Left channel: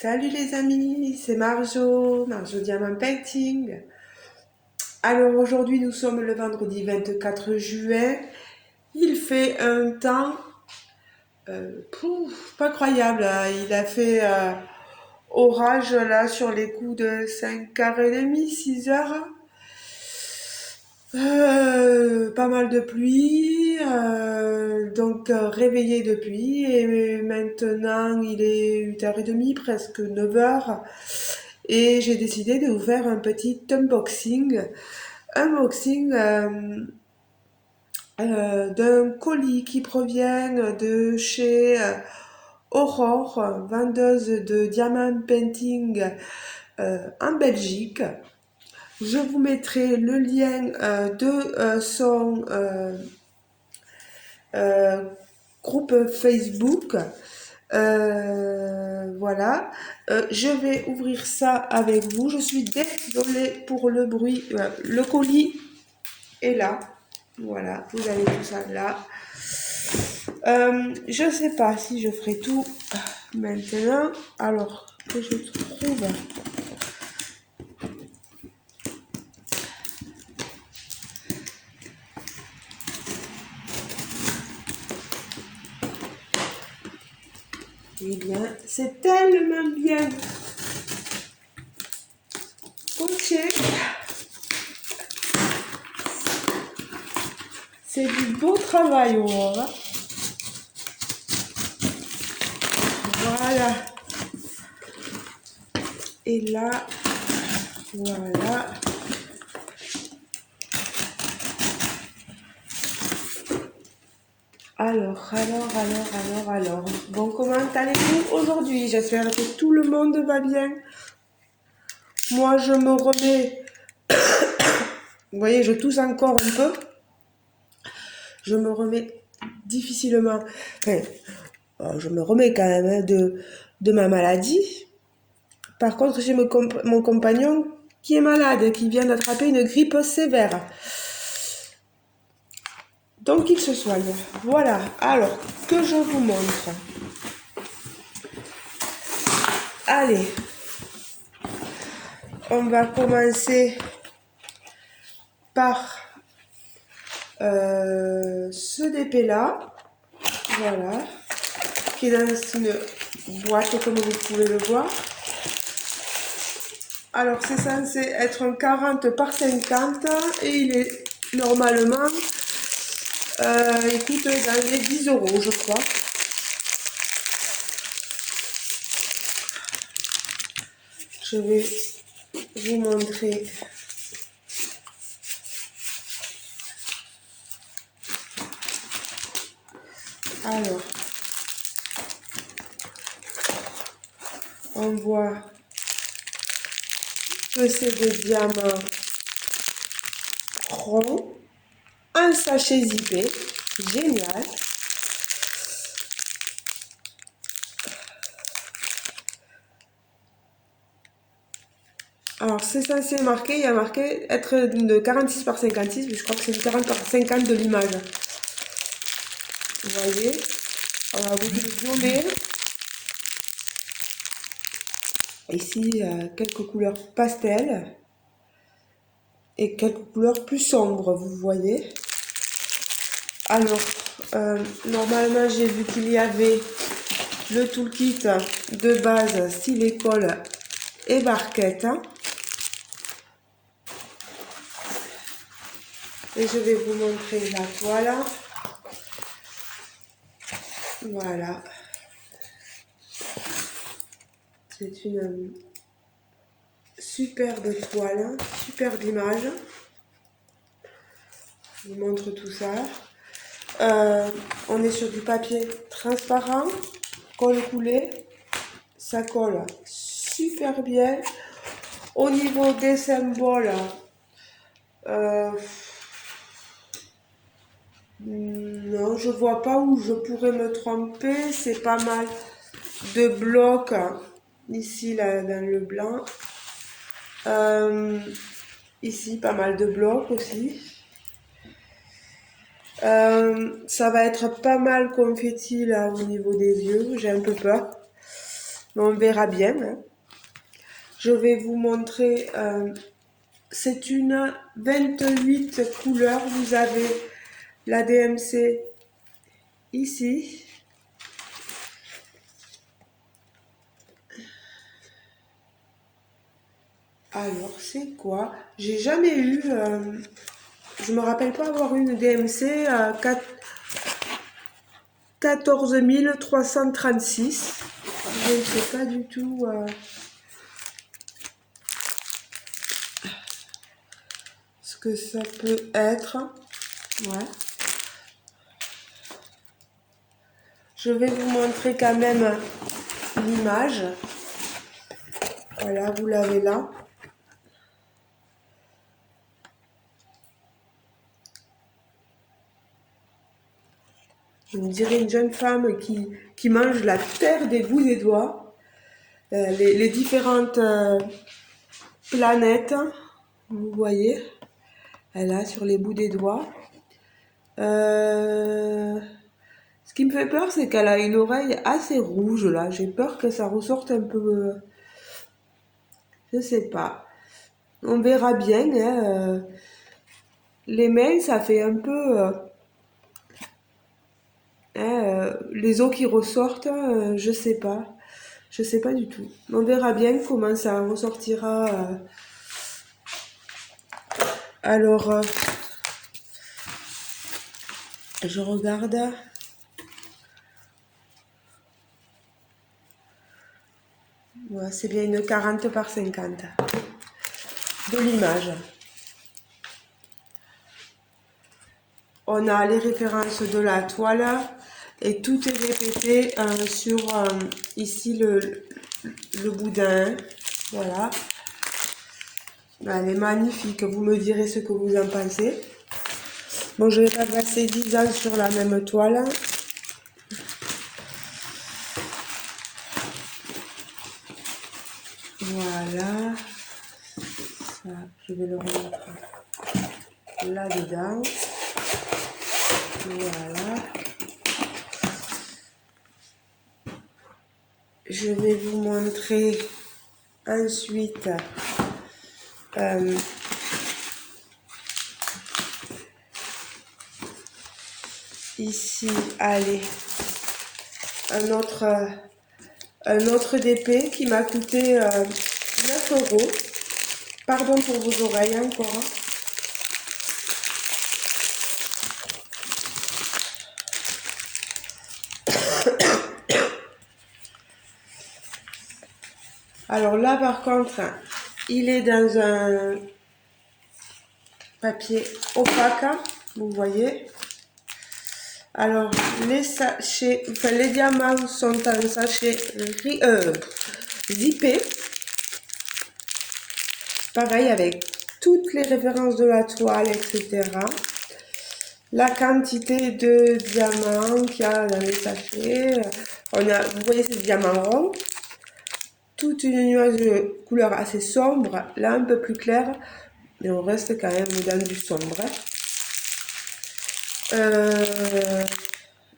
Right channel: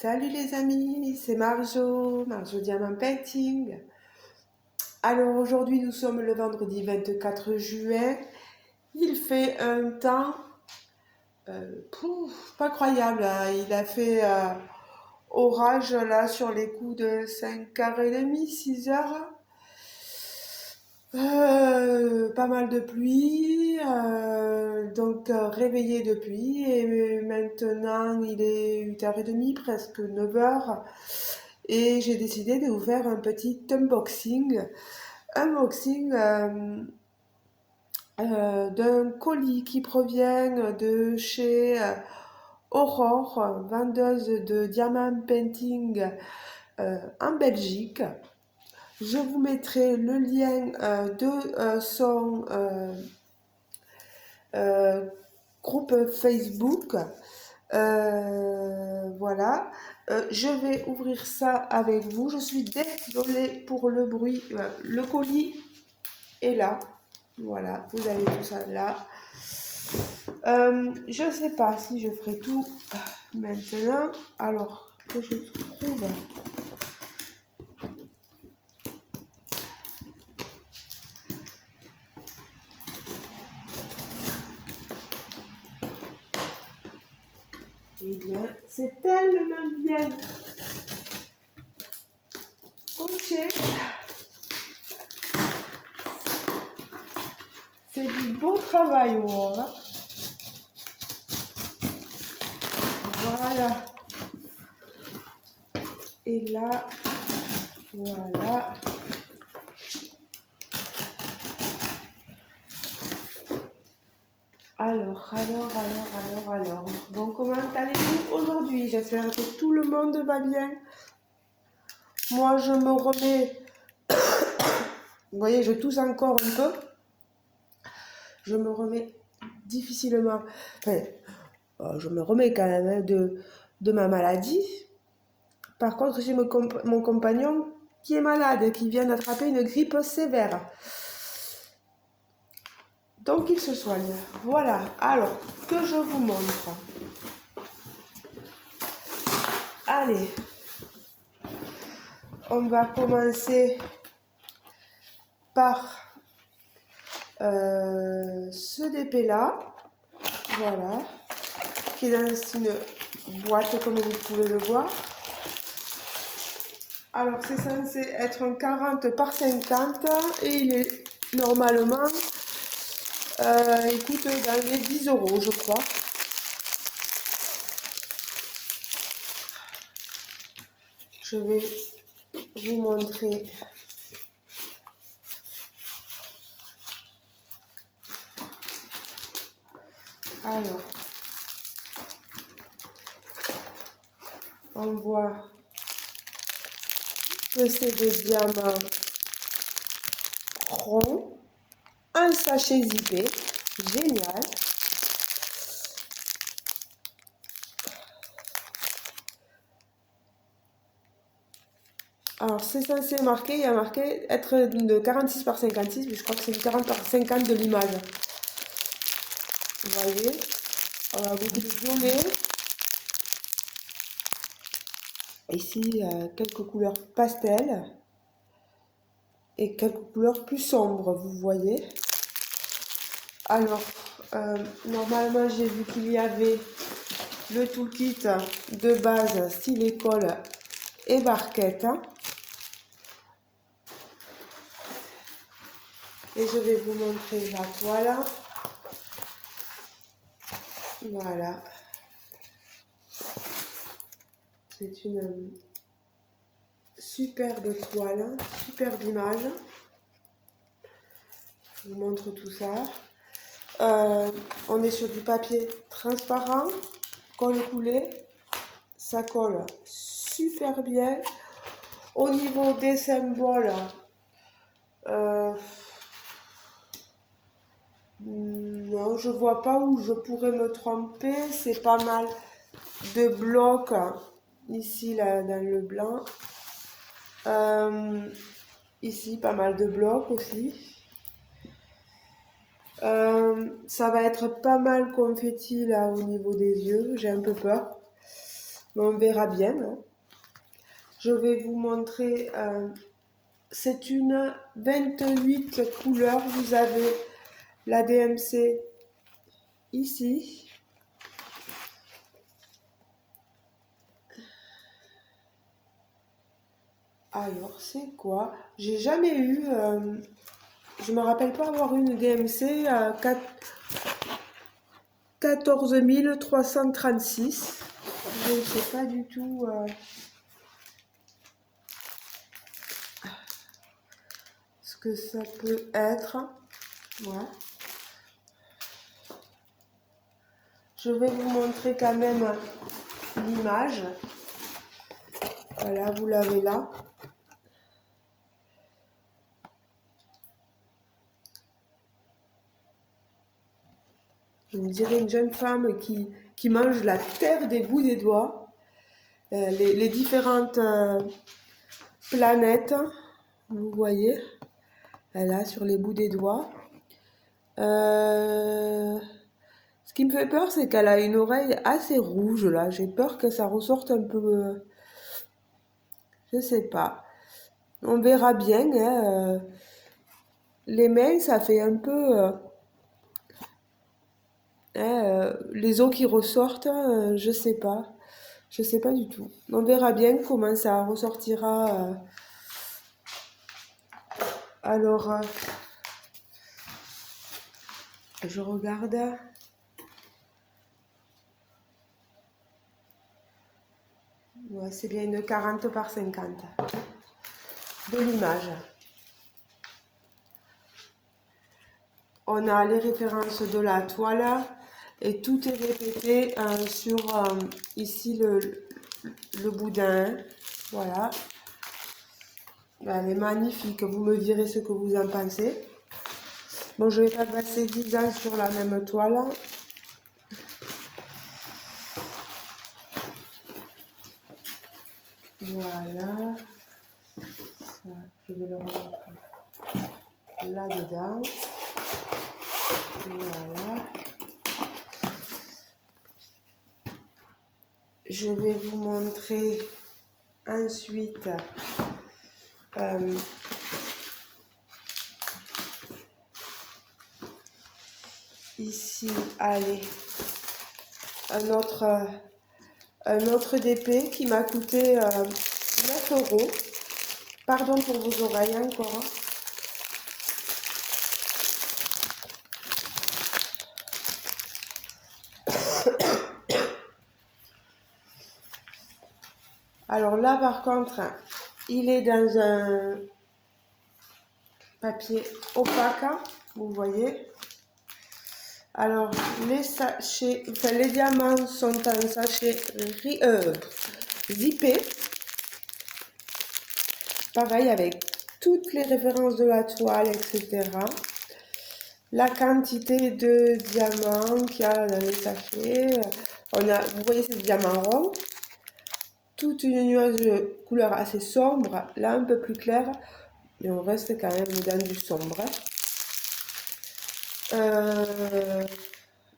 Salut les amis, c'est Marjo Diamant Painting. Alors aujourd'hui nous sommes le vendredi 24 juin. Il fait un temps pas croyable, hein. Il a fait orage là sur les coups de 5h30, 6h. Pas mal de pluie, donc réveillé depuis et maintenant il est 8h30, presque 9h et j'ai décidé de vous faire un petit unboxing d'un colis qui provient de chez Aurore, vendeuse de diamant painting en Belgique. Je vous mettrai le lien de son groupe Facebook. Voilà. Je vais ouvrir ça avec vous. Je suis désolée pour le bruit. Le colis est là. Voilà, vous avez tout ça là. Je ne sais pas si je ferai tout maintenant. Alors que je trouve... Eh bien, c'est tellement bien poché. C'est du beau travail, Aurore. Voilà. Et là, voilà. Alors. Bon, comment allez-vous aujourd'hui? J'espère que tout le monde va bien. Moi, je me remets... Vous voyez, je tousse encore un peu. Je me remets difficilement... Enfin, je me remets quand même hein, de ma maladie. Par contre, j'ai mon compagnon qui est malade, qui vient d'attraper une grippe sévère. Donc, il se soigne. Voilà. Alors, que je vous montre. Allez. On va commencer par ce DP là. Voilà. Qui est dans une boîte, comme vous pouvez le voir. Alors, c'est censé être un 40 par 50 et il est normalement, il coûte dans les 10 €, je crois. Je vais vous montrer. Alors, on voit que c'est des diamants ronds, un sachet zippé, génial. Alors, c'est censé marquer, il y a marqué être de 46 par 56, mais je crois que c'est du 40 par 50 de l'image. Vous voyez, on va vous zoomer. Ici, il y a quelques couleurs pastel et quelques couleurs plus sombres, vous voyez. Alors, normalement, j'ai vu qu'il y avait le toolkit de base style école et barquette. Et je vais vous montrer la toile. Voilà. C'est une superbe toile, superbe image. Je vous montre tout ça. On est sur du papier transparent, colle coulée. Ça colle super bien. Au niveau des symboles, non, je vois pas où je pourrais me tromper. C'est pas mal de blocs ici là dans le blanc. Ici pas mal de blocs aussi. Ça va être pas mal confetti là au niveau des yeux. J'ai un peu peur. mais on verra bien. Hein. Je vais vous montrer, c'est une 28 couleurs, vous avez la DMC ici. Alors, c'est quoi? J'ai jamais eu, je me rappelle pas avoir eu une DMC à 14 336. Je ne sais pas du tout ce que ça peut être. Ouais. Je vais vous montrer quand même l'image. Voilà, vous l'avez là. On dirait une jeune femme qui mange la terre des bouts des doigts. Les différentes planètes, vous voyez, là sur les bouts des doigts. Ce qui me fait peur, c'est qu'elle a une oreille assez rouge là. J'ai peur que ça ressorte un peu. Je sais pas. On verra bien. Hein, les mains, ça fait un peu. Les os qui ressortent, je sais pas. Je sais pas du tout. On verra bien comment ça ressortira. Alors, je regarde. Ouais, c'est bien une 40 par 50 de l'image. On a les références de la toile et tout est répété sur ici le boudin. Voilà. Elle est magnifique. Vous me direz ce que vous en pensez. Bon, je vais pas passer 10 ans sur la même toile. Voilà. Ça, je vais le remettre là-dedans. Voilà. Je vais vous montrer ensuite ici, allez, un autre DP qui m'a coûté 9 euros. Pardon pour vos oreilles encore. Hein. Alors là, par contre, il est dans un papier opaque, vous voyez. Alors, les sachets, enfin les diamants sont en sachet zippé. Pareil avec toutes les références de la toile, etc. La quantité de diamants qu'il y a dans les sachets. Vous voyez, c'est diamant rond. Toute une nuance de couleur assez sombre, là un peu plus claire, mais on reste quand même dans du sombre.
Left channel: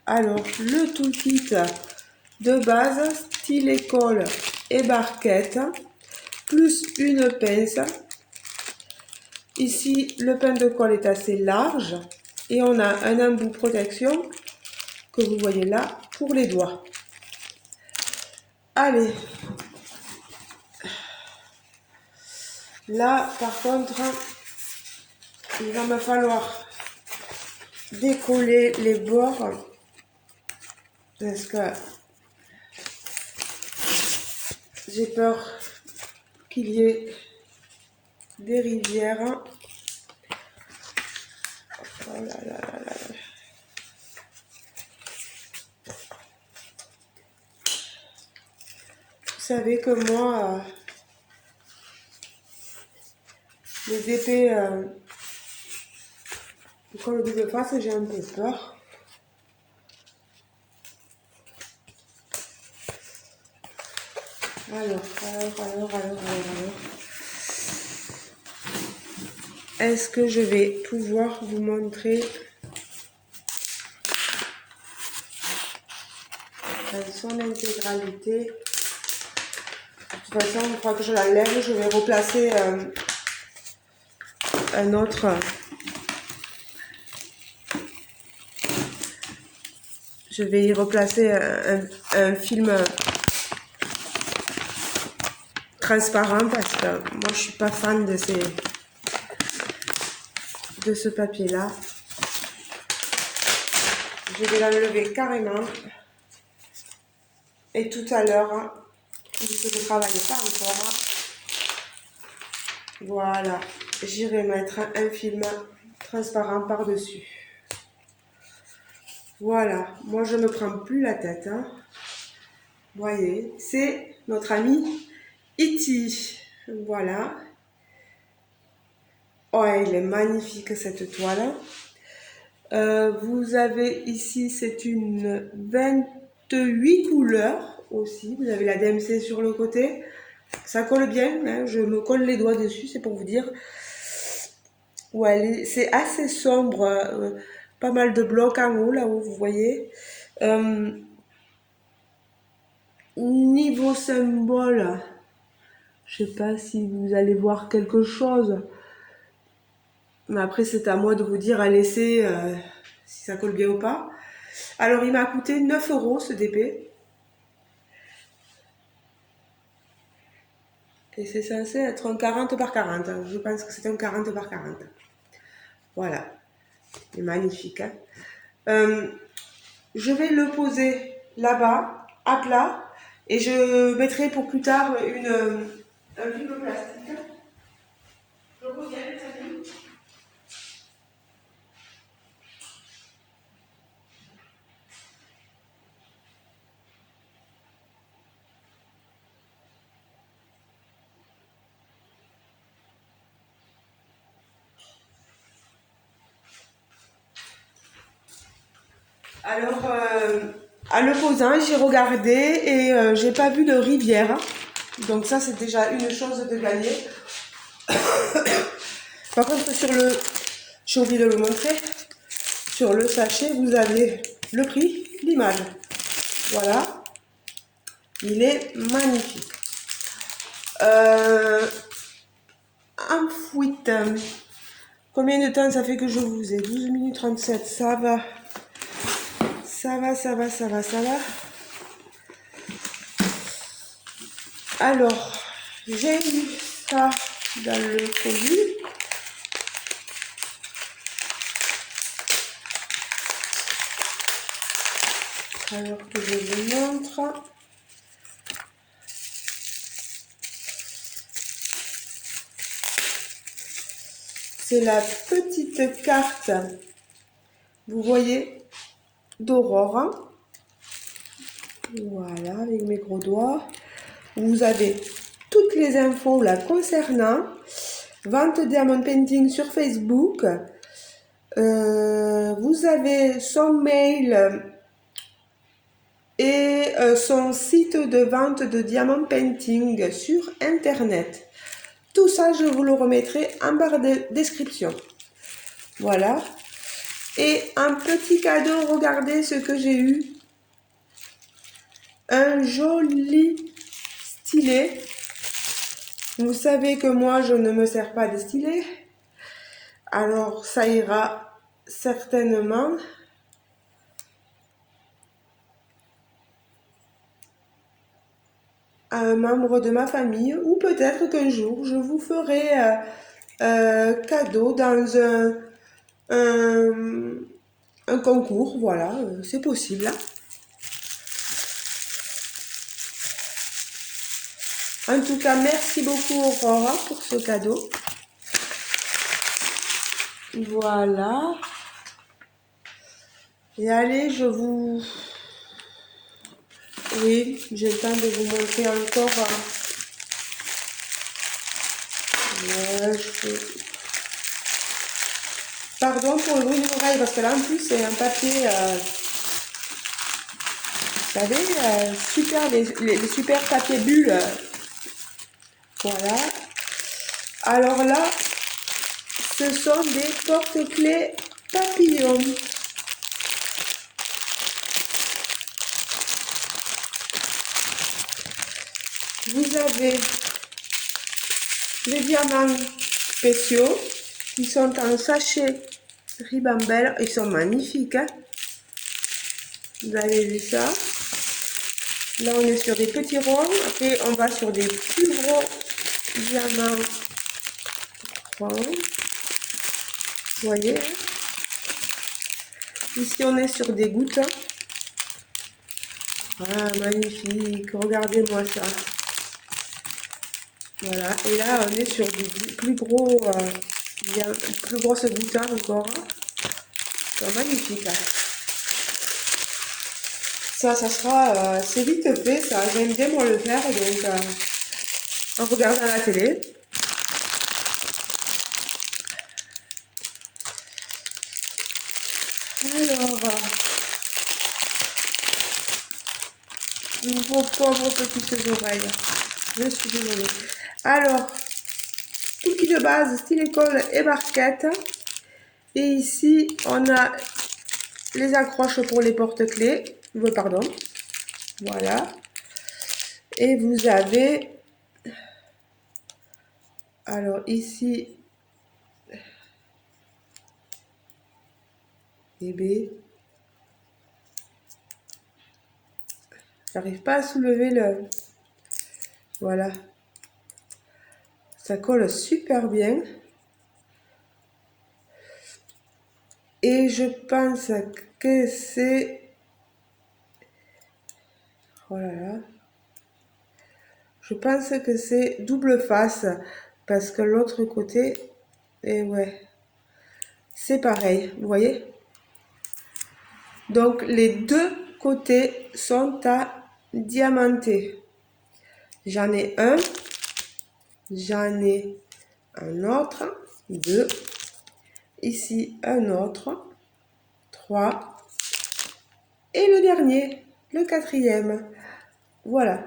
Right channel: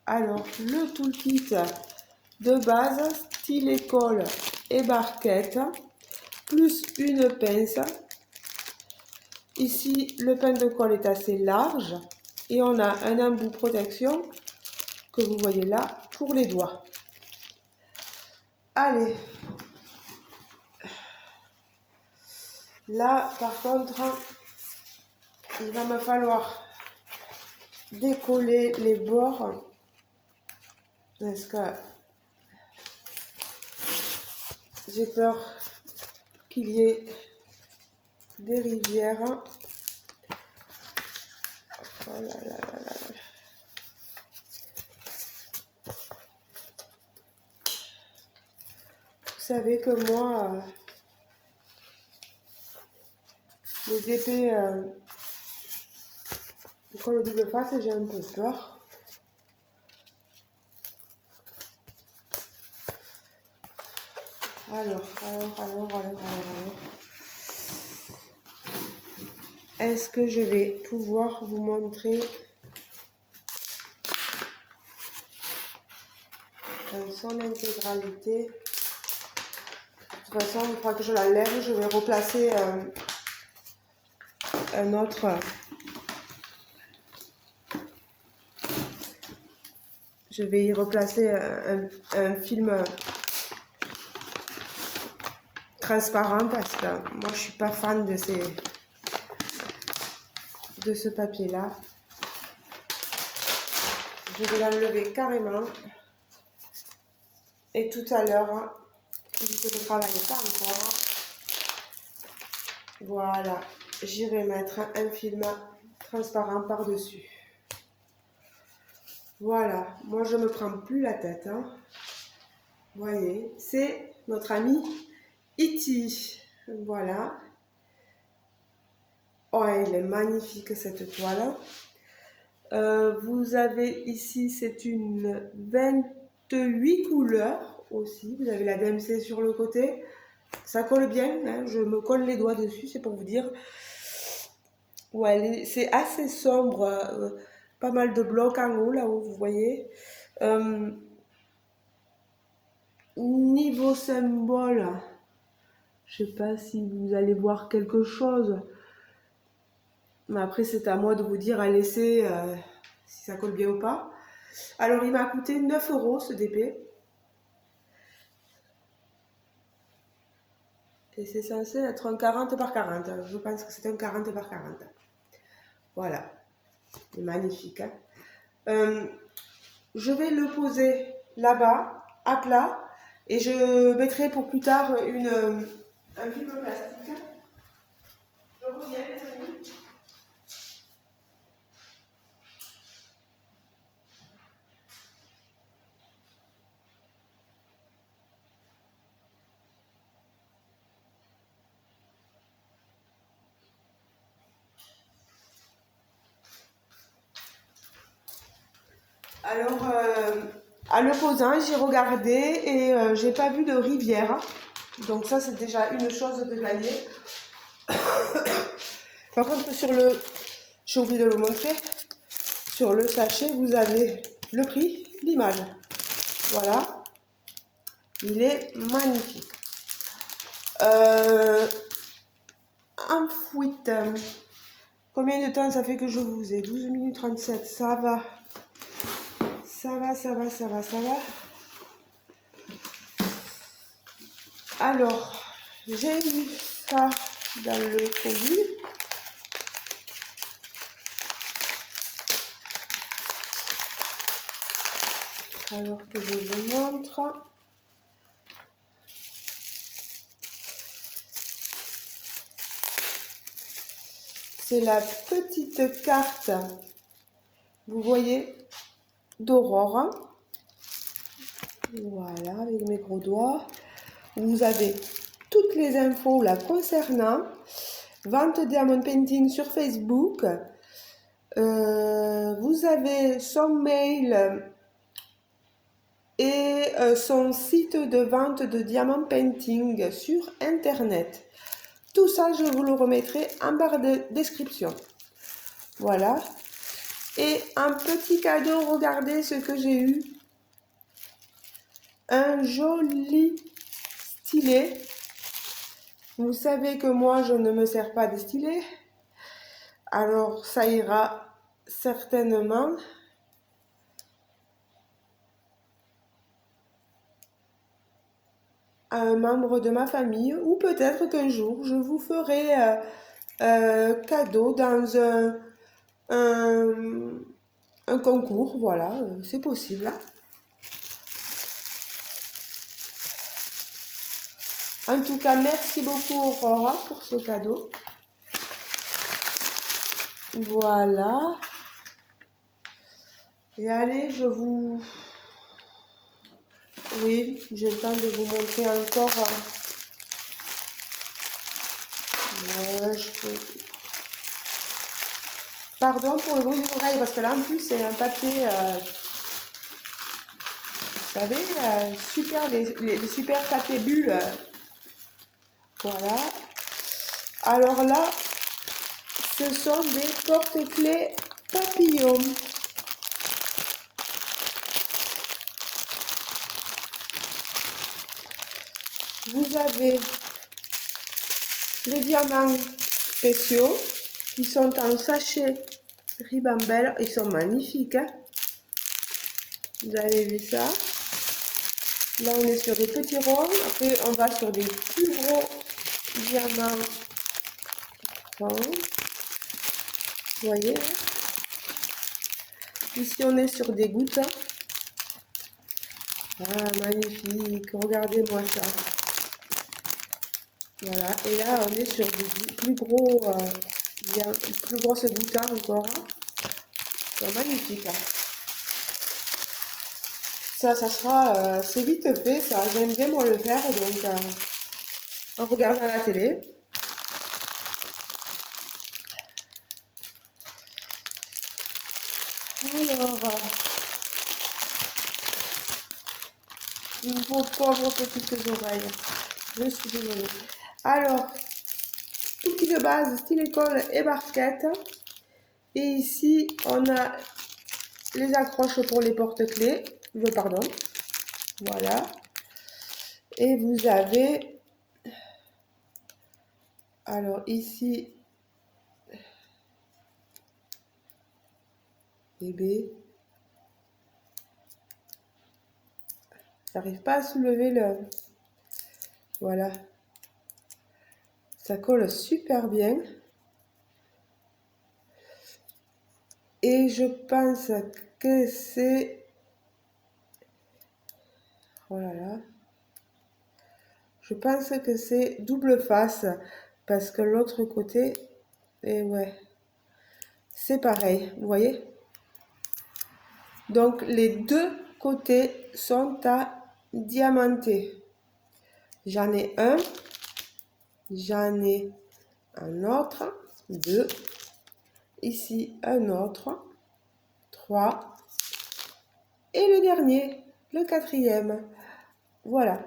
Alors, le toolkit de base, stylet colle et barquette, plus une pince. Ici, le pain de colle est assez large et on a un embout protection que vous voyez là pour les doigts. Allez. Là, par contre, il va me falloir décoller les bords parce que j'ai peur qu'il y ait des rivières. Oh là là là là. Vous savez que moi, les DP colle de face, j'ai un peu peur. Alors. Est-ce que je vais pouvoir vous montrer dans son intégralité? toute façon, une fois que je l'enlève, je vais replacer un autre. Je vais y replacer un film transparent parce que moi je suis pas fan de ce papier là. Je vais l'enlever carrément. Et tout à l'heure, vu que je ne travaille pas encore, voilà, j'irai mettre un film transparent par-dessus. Voilà, moi je ne me prends plus la tête. Hein. Vous voyez, c'est notre ami E.T. Voilà. Oh, elle est magnifique cette toile. Vous avez ici, c'est une 28 couleurs aussi. Vous avez la DMC sur le côté. Ça colle bien, hein, je me colle les doigts dessus, c'est pour vous dire. Ouais, c'est assez sombre. Pas mal de blocs en haut, là où vous voyez. Niveau symbole, je sais pas si vous allez voir quelque chose. Mais après, c'est à moi de vous dire à l'essai si ça colle bien ou pas. Alors, il m'a coûté 9 € ce DP. Et c'est censé être un 40 par 40. Je pense que c'est un 40 par 40. Voilà. C'est magnifique. Hein. Je vais le poser là-bas, à plat. Et je mettrai pour plus tard un film plastique. Je reviens, les amis. Alors, à le posant, j'ai regardé et j'ai pas vu de rivière. Donc ça, c'est déjà une chose de gagner. Par contre, j'ai oublié de le montrer, sur le sachet, vous avez le prix, l'image. Voilà. Il est magnifique. Un fouette. Combien de temps ça fait que je vous ai 12 minutes 37, ça va. Ça va. Alors, j'ai eu ça dans le produit. Alors que je vous montre. C'est la petite carte, vous voyez, d'Aurore. Voilà, avec mes gros doigts. Vous avez toutes les infos la concernant. Vente Diamond Painting sur Facebook. Vous avez son mail et son site de vente de Diamond Painting sur Internet. Tout ça, je vous le remettrai en barre de description. Voilà. Et un petit cadeau, regardez ce que j'ai eu. Un joli stylet. Vous savez que moi, je ne me sers pas de stylet. Alors, ça ira certainement. À un membre de ma famille, ou peut-être qu'un jour je vous ferai cadeau dans un concours, voilà, c'est possible. En tout cas, merci beaucoup Aurora pour ce cadeau. Voilà. Et allez, je vous... Oui, j'ai le temps de vous montrer encore. Pardon pour le bruit de l'oreille, parce que là en plus c'est un papier, vous savez, super, les super papiers bulles. Voilà. Alors là, ce sont des porte-clés papillons. Vous avez les diamants spéciaux qui sont en sachet Ribambelle. Ils sont magnifiques, hein. Vous avez vu ça? Là, on est sur des petits ronds. Après, on va sur des plus gros diamants ronds. Vous voyez? Ici, on est sur des gouttes. Ah, magnifique. Regardez-moi ça. Voilà. Et là, on est sur des plus gros, plus grosses gouttes encore. C'est magnifique. Hein. Ça sera, c'est vite fait. Ça, j'aime bien moi le faire. Donc, en regardant la télé. Alors, vos pauvres petites oreilles. Je suis désolée. Alors, tout qui de base, style école et barquette. Et ici, on a les accroches pour les porte-clés. Pardon. Voilà. Et vous avez... Alors, ici... Bébé. J'arrive pas à soulever le... Voilà. Ça colle super bien. Et je pense que c'est... Oh là là. Je pense que c'est double face. Parce que l'autre côté... Et ouais. C'est pareil. Vous voyez? Donc, les deux côtés sont à diamanter. J'en ai un. J'en ai un autre. 2. Ici, un autre. 3. Et le dernier, le 4e. Voilà.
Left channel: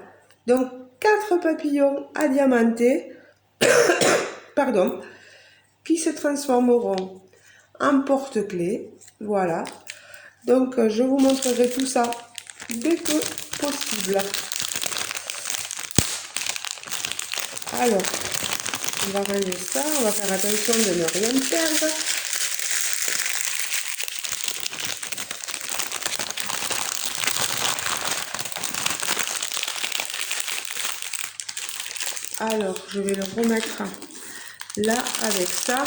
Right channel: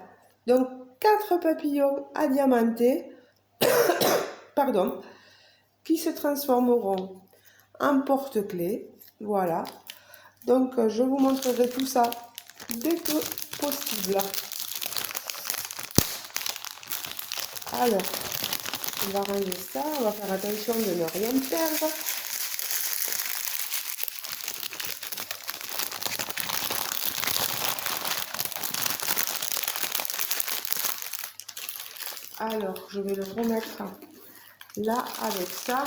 Donc, 4 papillons à diamanter, pardon, qui se transformeront en porte-clés. Voilà. Donc, je vous montrerai tout ça dès que possible. Alors, on va ranger ça. On va faire attention de ne rien perdre. Alors, je vais le remettre là avec ça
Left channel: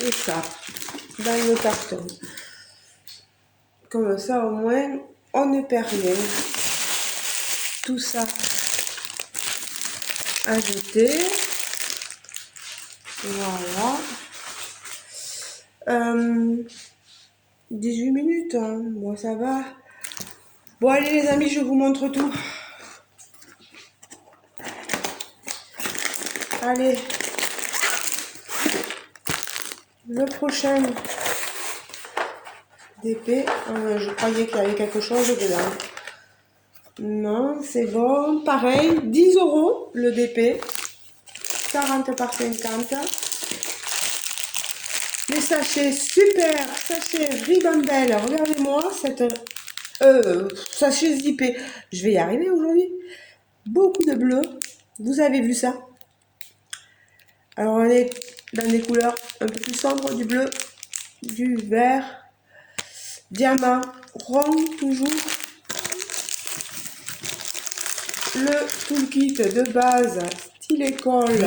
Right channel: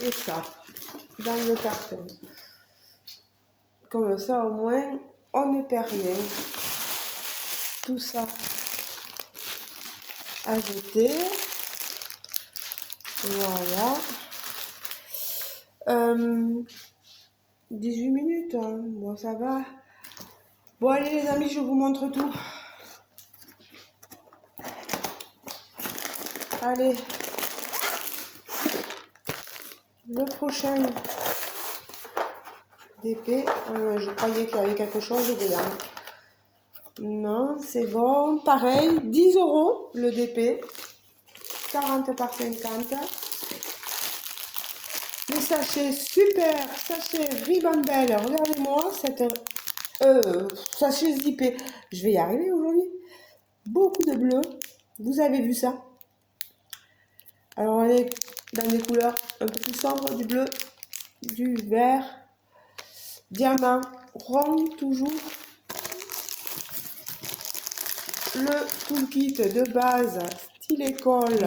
et ça dans le carton. Comme ça, au moins, on ne perd rien. Tout ça à jeter. Voilà. 18 minutes, hein. Bon, ça va. Bon, allez les amis, je vous montre tout. Allez. Le prochain DP. Je croyais qu'il y avait quelque chose dedans. Non, c'est bon. Pareil, 10 € le DP. 40 par 50. Les sachets, super. Sachet Ribambelle. Regardez-moi cette... sachet zippé. Je vais y arriver aujourd'hui. Beaucoup de bleu. Vous avez vu ça? Alors on est dans des couleurs un peu plus sombres, du bleu, du vert, diamant, rond toujours. Le toolkit de base, style école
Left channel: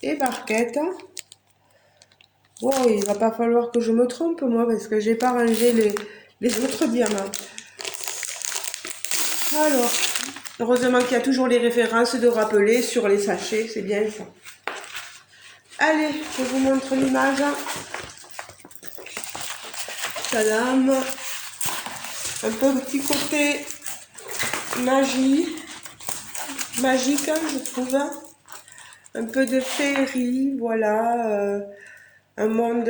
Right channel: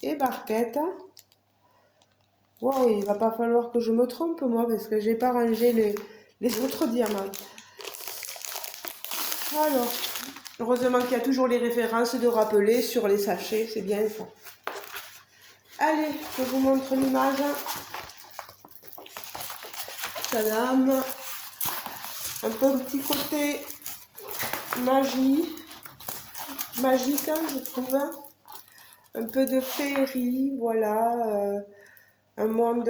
et barquette. Wow, il va pas falloir que je me trompe moi parce que j'ai pas rangé les autres diamants. Alors, heureusement qu'il y a toujours les références de rappeler sur les sachets, c'est bien ça. Allez, je vous montre l'image. Tadam. Un peu petit côté magique, hein, je trouve. Un peu de féerie, voilà. Un monde,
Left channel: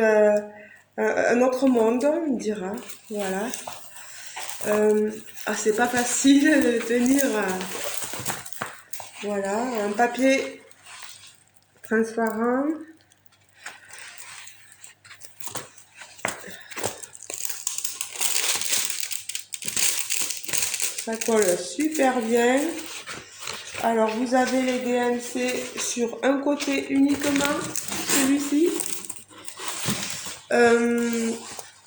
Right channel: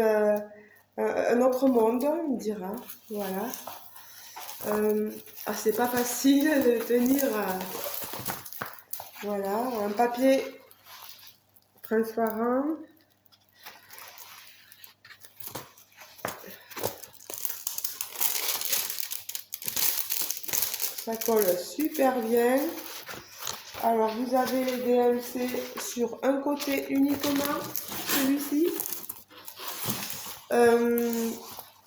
un autre monde, on dira. Voilà. C'est pas facile de tenir. Voilà, un papier transparent. Ça colle super bien. Alors, vous avez les DMC sur un côté uniquement, celui-ci.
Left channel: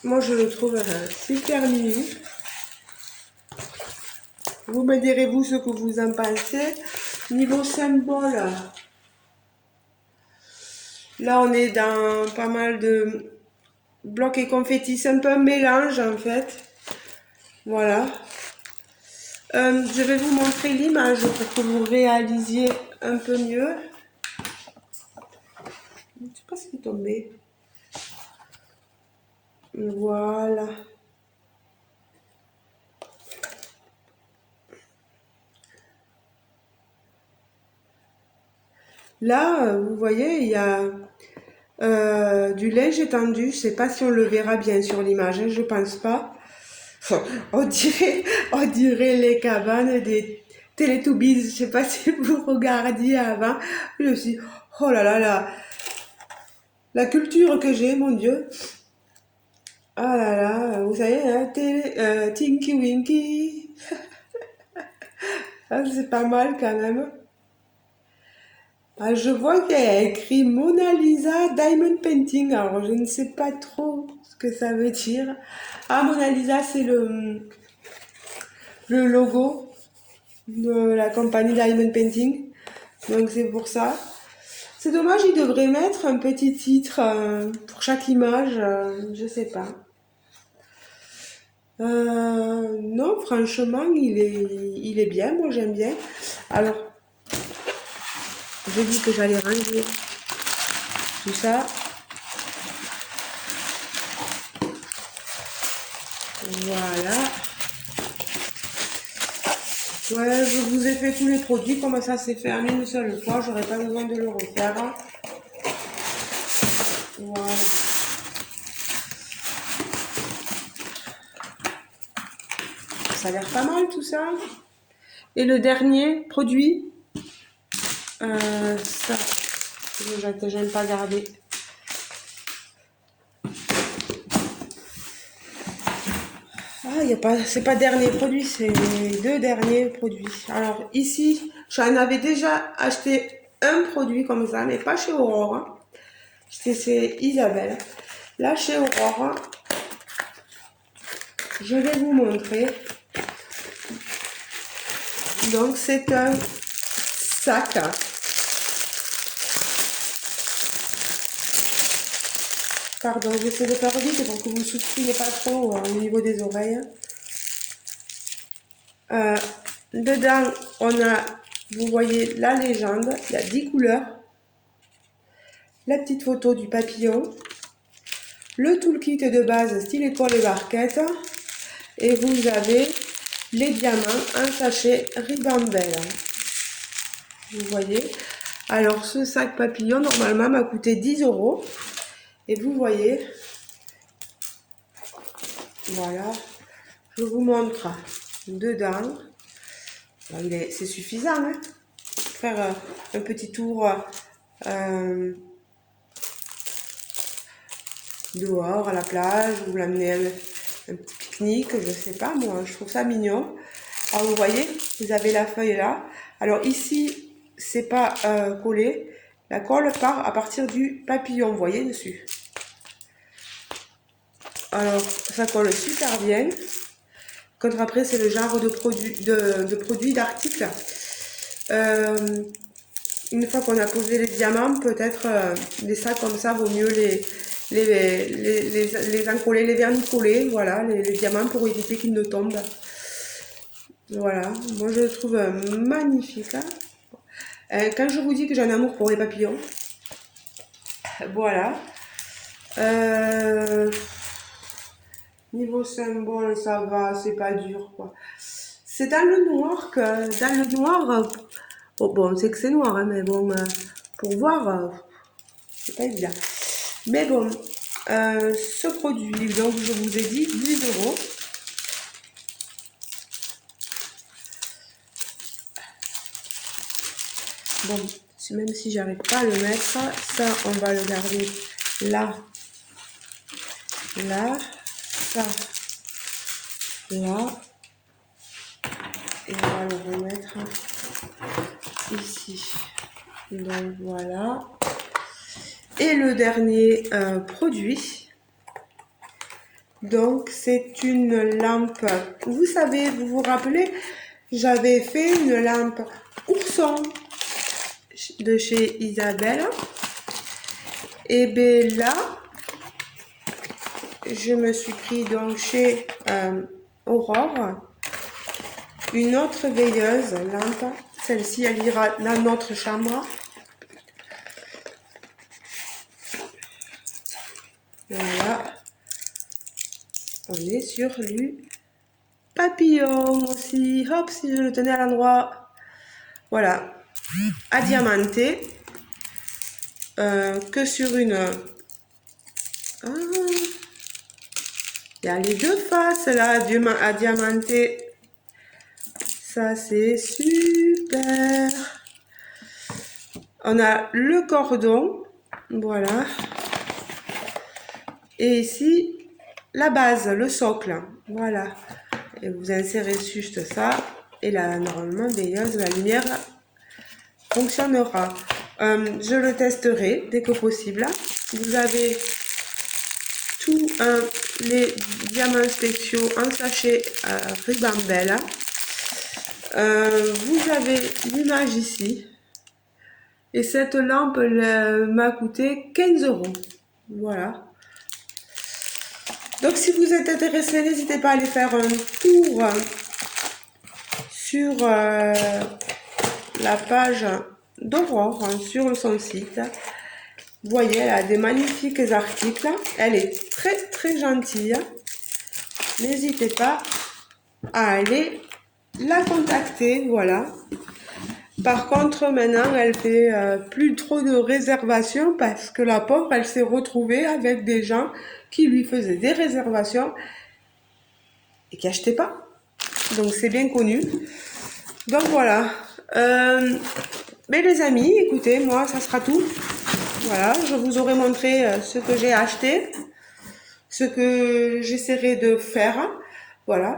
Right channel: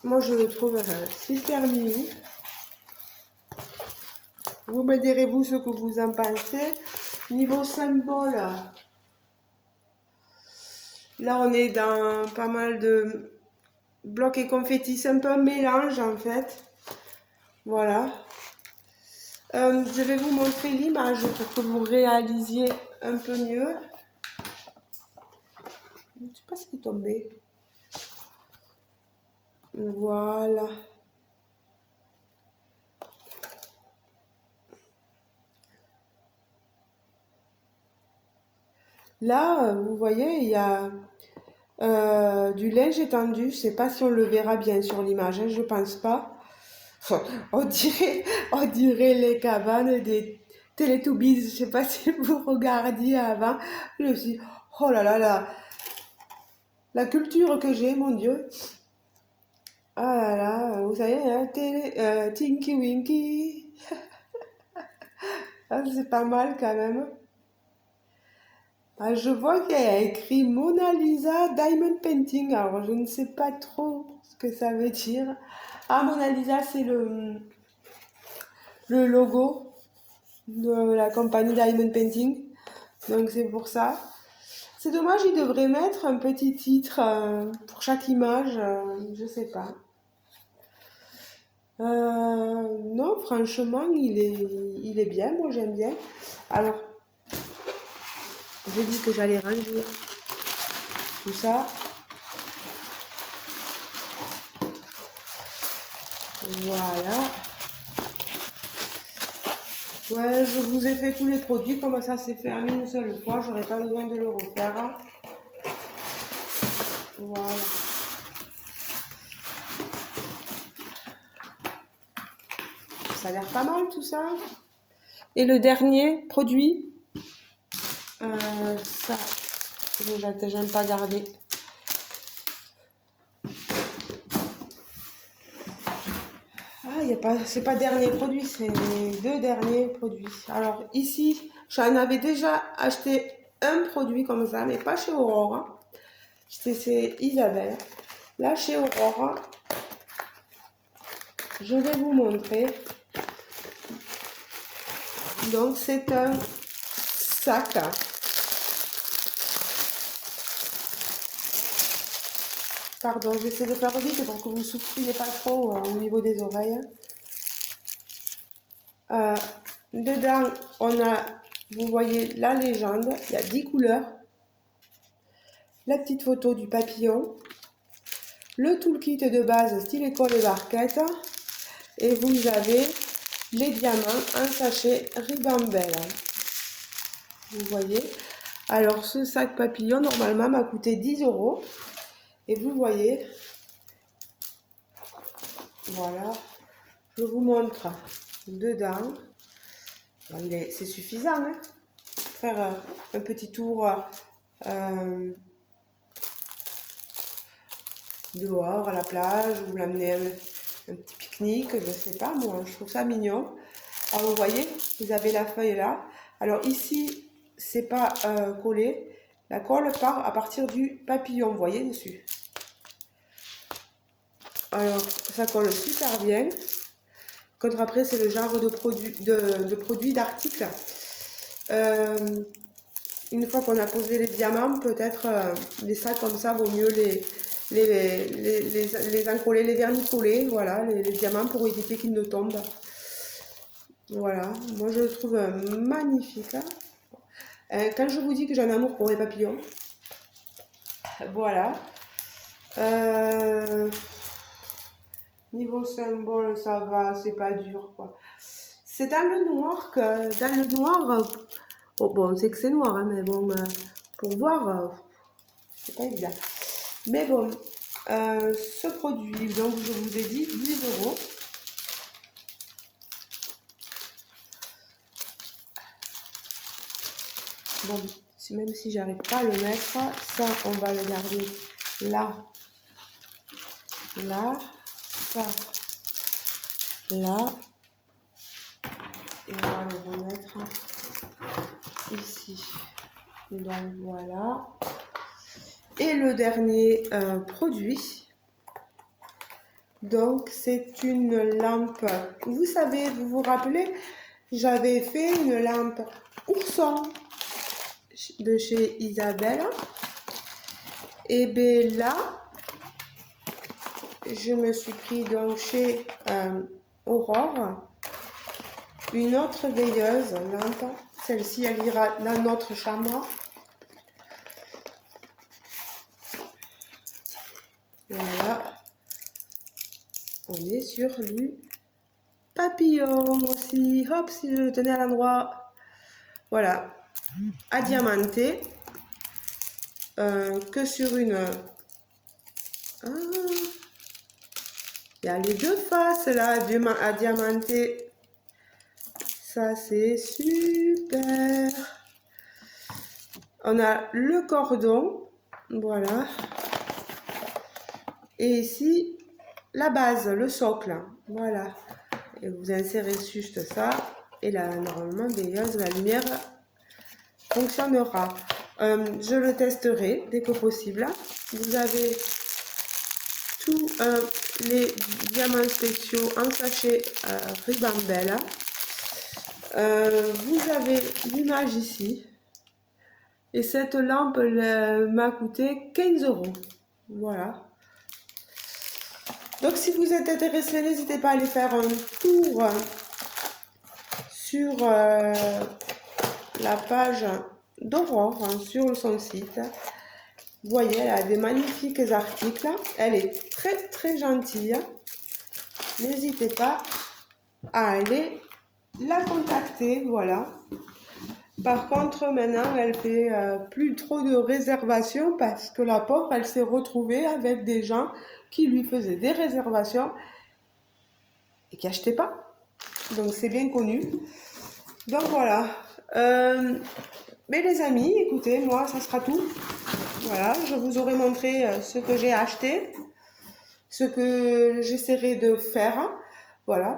Moi, je le trouve super mimi. Vous me direz, vous, ce que vous en pensez. Niveau symbole, là, on est dans pas mal de blocs et confettis. C'est un peu un mélange, en fait. Voilà. Je vais vous montrer l'image pour que vous réalisiez un peu mieux. Je ne sais pas ce qui est tombé. Voilà. Là, vous voyez, il y a du linge étendu. Je ne sais pas si on le verra bien sur l'image, hein, je ne pense pas. On dirait les cabanes des Teletubbies. Je ne sais pas si vous regardiez avant. Je me suis dit, oh là là, la culture que j'ai, mon Dieu. Ah là là, vous savez, hein, Tinky Winky. Ah, c'est pas mal quand même. Ah, je vois qu'il y a écrit Mona Lisa Diamond Painting. Alors, je ne sais pas trop ce que ça veut dire. Ah, Mona Lisa, c'est le logo de la compagnie Diamond Painting. Donc, c'est pour ça. C'est dommage, il devrait mettre un petit titre pour chaque image. Je sais pas. Non, franchement, il est bien. Moi, j'aime bien. Alors, j'ai dit que j'allais ranger tout ça. Voilà. Ouais, je vous ai fait tous les produits. Comme ça, c'est fait en une seule fois. J'aurais pas besoin de le refaire. Voilà. Ça a l'air pas mal tout ça. Et le dernier produit, ça, j'aime pas garder. Ah, c'est pas dernier produit, c'est les deux derniers produits. Alors ici, j'en avais déjà acheté un produit comme ça, mais pas chez Aurore. C'était chez Isabelle. Là, chez Aurore, je vais vous montrer. Donc c'est un sac. Pardon, j'essaie de faire vite pour que vous ne souffriez pas trop au niveau des oreilles. Dedans, on a, vous voyez, la légende, il y a 10 couleurs, la petite photo du papillon, le toolkit de base style école et barquette, et vous avez les diamants en sachet Ribambelle. Vous voyez. Alors, ce sac papillon, normalement, m'a coûté 10 €. Et vous voyez, voilà, je vous montre dedans. C'est suffisant, hein, faire un petit tour dehors à la plage, ou l'amener un petit pique-nique, je sais pas moi, je trouve ça mignon. Alors vous voyez, vous avez la feuille là. Alors ici, c'est pas collé, la colle part à partir du papillon, vous voyez dessus. Alors ça colle super bien. Contre après, c'est le genre de produits, d'articles. Une fois qu'on a posé les diamants, peut-être des sacs comme ça, vaut mieux les encoller, les vernicoller, voilà, les diamants pour éviter qu'ils ne tombent. Voilà, moi je le trouve magnifique. Hein. Quand je vous dis que j'ai un amour pour les papillons, voilà. Niveau symbole, ça va, c'est pas dur quoi. C'est dans le noir oh, bon, c'est que c'est noir, hein, mais bon, pour voir, c'est pas évident. Mais bon, ce produit, donc je vous ai dit 10 €. Bon, même si j'arrive pas à le mettre, ça, on va le garder là, là, ça, là, et on va le remettre ici. Donc voilà. Et le dernier produit, donc c'est une lampe. Vous savez, vous vous rappelez, j'avais fait une lampe ourson de chez Isabelle. Et bien là, je me suis pris donc chez Aurore une autre veilleuse lampe. Celle-ci, elle ira dans notre chambre. Voilà. On est sur du papillon aussi. Hop, si je le tenais à l'endroit. Voilà. À diamanter. Que sur une... Ah, il y a les deux faces là à diamanter. Ça, c'est super. On a le cordon. Voilà. Et ici, la base, le socle. Voilà. Et vous insérez juste ça. Et là, normalement, la lumière fonctionnera. Je le testerai dès que possible. Vous avez tous les diamants spéciaux en sachet Ribambelle. Vous avez l'image ici. Et cette lampe m'a coûté 15 €. Voilà. Donc si vous êtes intéressé, n'hésitez pas à aller faire un tour sur la page d'Aurore, sur son site. Vous voyez, elle a des magnifiques articles. Elle est très très gentille. N'hésitez pas à aller la contacter. Voilà. Par contre, maintenant, elle fait plus trop de réservations parce que la pauvre, elle s'est retrouvée avec des gens qui lui faisaient des réservations et qui n'achetaient pas. Donc, c'est bien connu. Donc, voilà. Mais les amis, écoutez, moi, ça sera tout. Voilà, je vous aurai montré ce que j'ai acheté, ce que j'essaierai de faire. Voilà.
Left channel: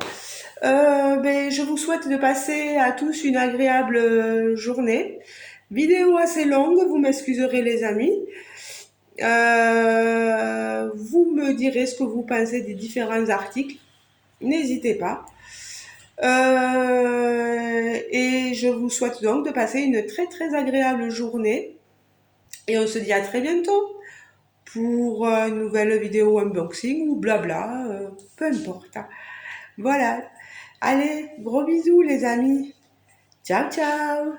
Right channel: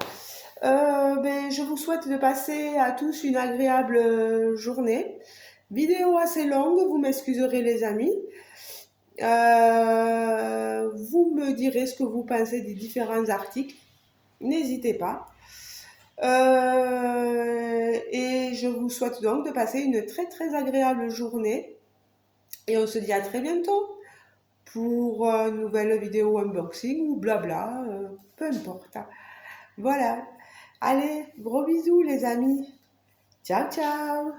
Je vous souhaite de passer à tous une agréable journée. Vidéo assez longue, vous m'excuserez les amis. Vous me direz ce que vous pensez des différents articles. N'hésitez pas. Et je vous souhaite donc de passer une très très agréable journée. Et on se dit à très bientôt pour une nouvelle vidéo unboxing ou blabla, peu importe. Voilà. Allez, gros bisous les amis. Ciao, ciao.